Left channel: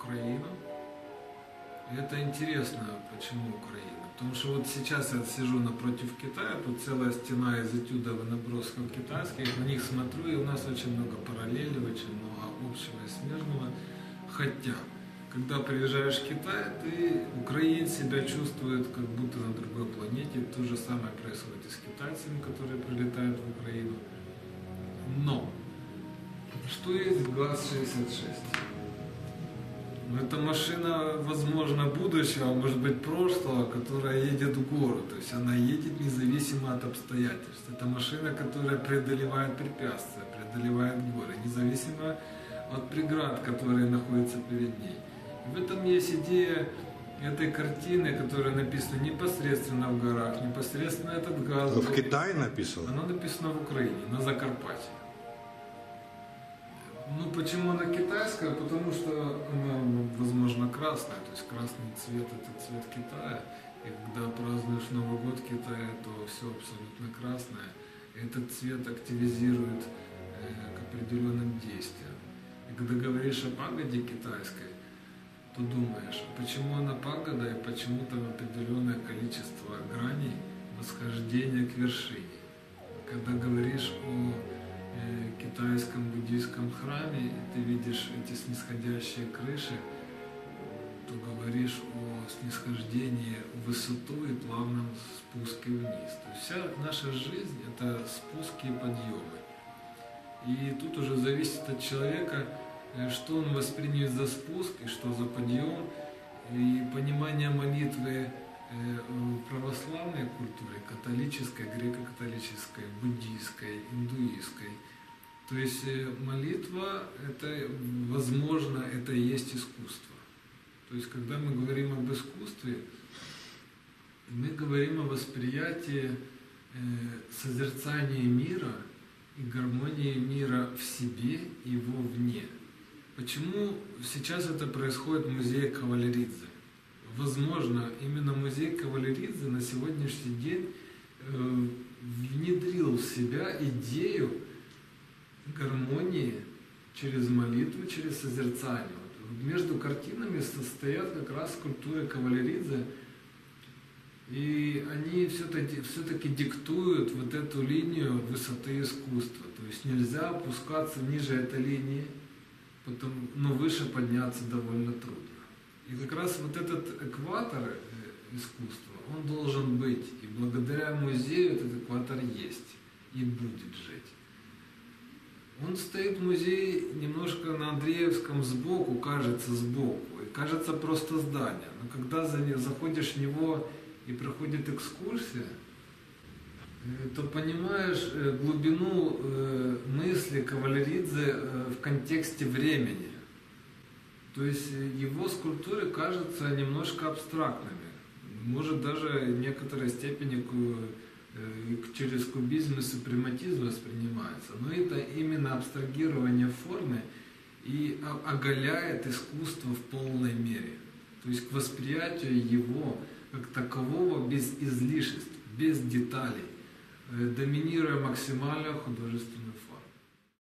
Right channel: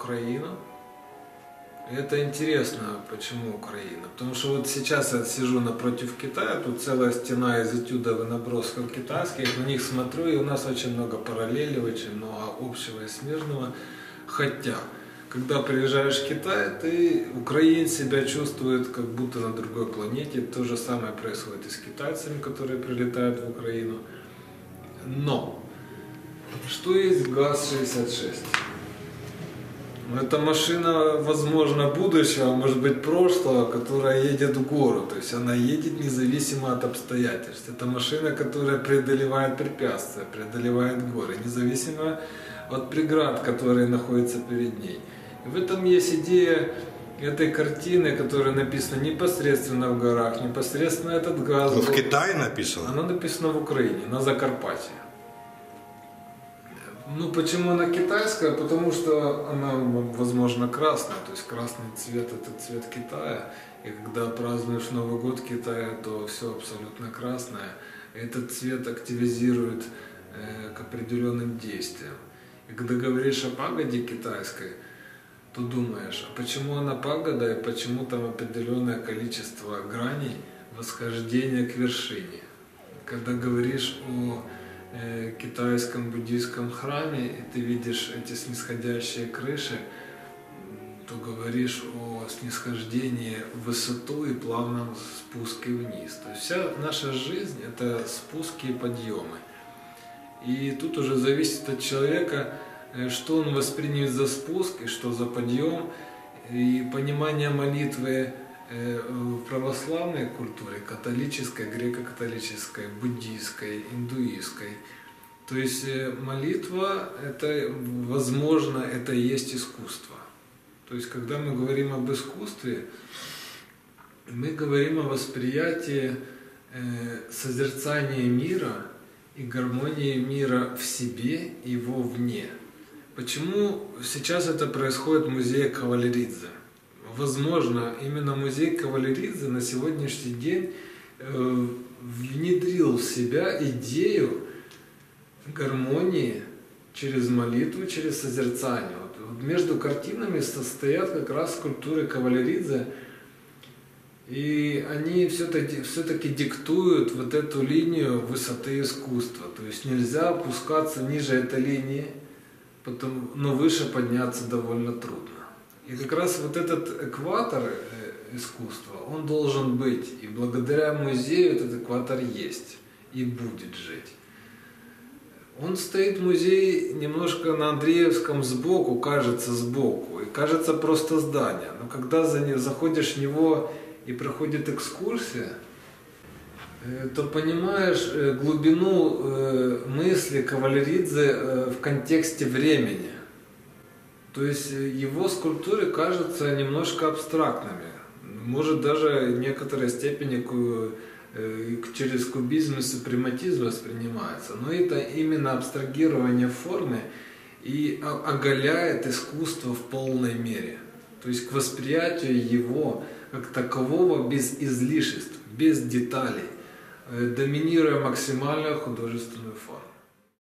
Украина. И это интересно, почему Украина. Потому что вот сейчас я сижу напротив Китая, тут целая стена из этюдов и набросков китайских, на них смотрю, и у нас очень много параллелей, очень много общего и смежного. Хотя, когда приезжаешь в Китай, украинец себя чувствует как будто на другой планете. То же самое происходит и с китайцами, которые прилетают в Украину. Но, что есть ГАЗ-66? Это машина, возможно, будущего, может быть, прошлого, которая едет в гору. То есть она едет независимо от обстоятельств. Это машина, которая преодолевает препятствия, преодолевает горы, независимо от преград, которые находятся перед ней. И в этом есть идея этой картины, которая написана непосредственно в горах, непосредственно этот ГАЗ. В Китае написано? Она написана в Украине, на Закарпатье. Ну, почему она китайская? Потому что она, возможно, красная. То есть красный цвет – это цвет Китая. И когда празднуешь Новый год в Китае, то все абсолютно красное. Этот цвет активизирует к определенным действиям. И когда говоришь о пагоде китайской, то думаешь, а почему она пагода и почему там определенное количество граней восхождения к вершине? Когда говоришь о китайском буддийском храме, и ты видишь эти снисходящие крыши, то говоришь о снисхождении в высоту и плавном спуске вниз. То есть вся наша жизнь – это спуски и подъемы. И тут уже зависит от человека, что он воспримет за спуск и что за подъем. И понимание молитвы в православной культуре, католической, греко-католической, буддийской, индуистской. То есть молитва, это, возможно, это и есть искусство. То есть когда мы говорим об искусстве, мы говорим о восприятии созерцания мира и гармонии мира в себе и вовне. Почему сейчас это происходит в музее Кавалеридзе? Возможно, именно музей Кавалеридзе на сегодняшний день внедрил в себя идею гармонии через молитву, через созерцание. Вот между картинами состоят как раз скульптуры Кавалеридзе, и они все-таки диктуют вот эту линию высоты искусства. То есть нельзя опускаться ниже этой линии, но выше подняться довольно трудно. И как раз вот этот экватор искусства, он должен быть. И благодаря музею этот экватор есть и будет жить. Он стоит, музей, немножко на Андреевском сбоку, кажется сбоку, и кажется просто здание. Но когда заходишь в него и проходит экскурсия, то понимаешь глубину мысли Кавалеридзе в контексте времени. То есть его скульптуры кажутся немножко абстрактными, может даже в некоторой степени через кубизм и супрематизм воспринимается. Но это именно абстрагирование формы и оголяет искусство в полной мере. То есть к восприятию его как такового без излишеств, без деталей, доминируя максимальную художественную форму.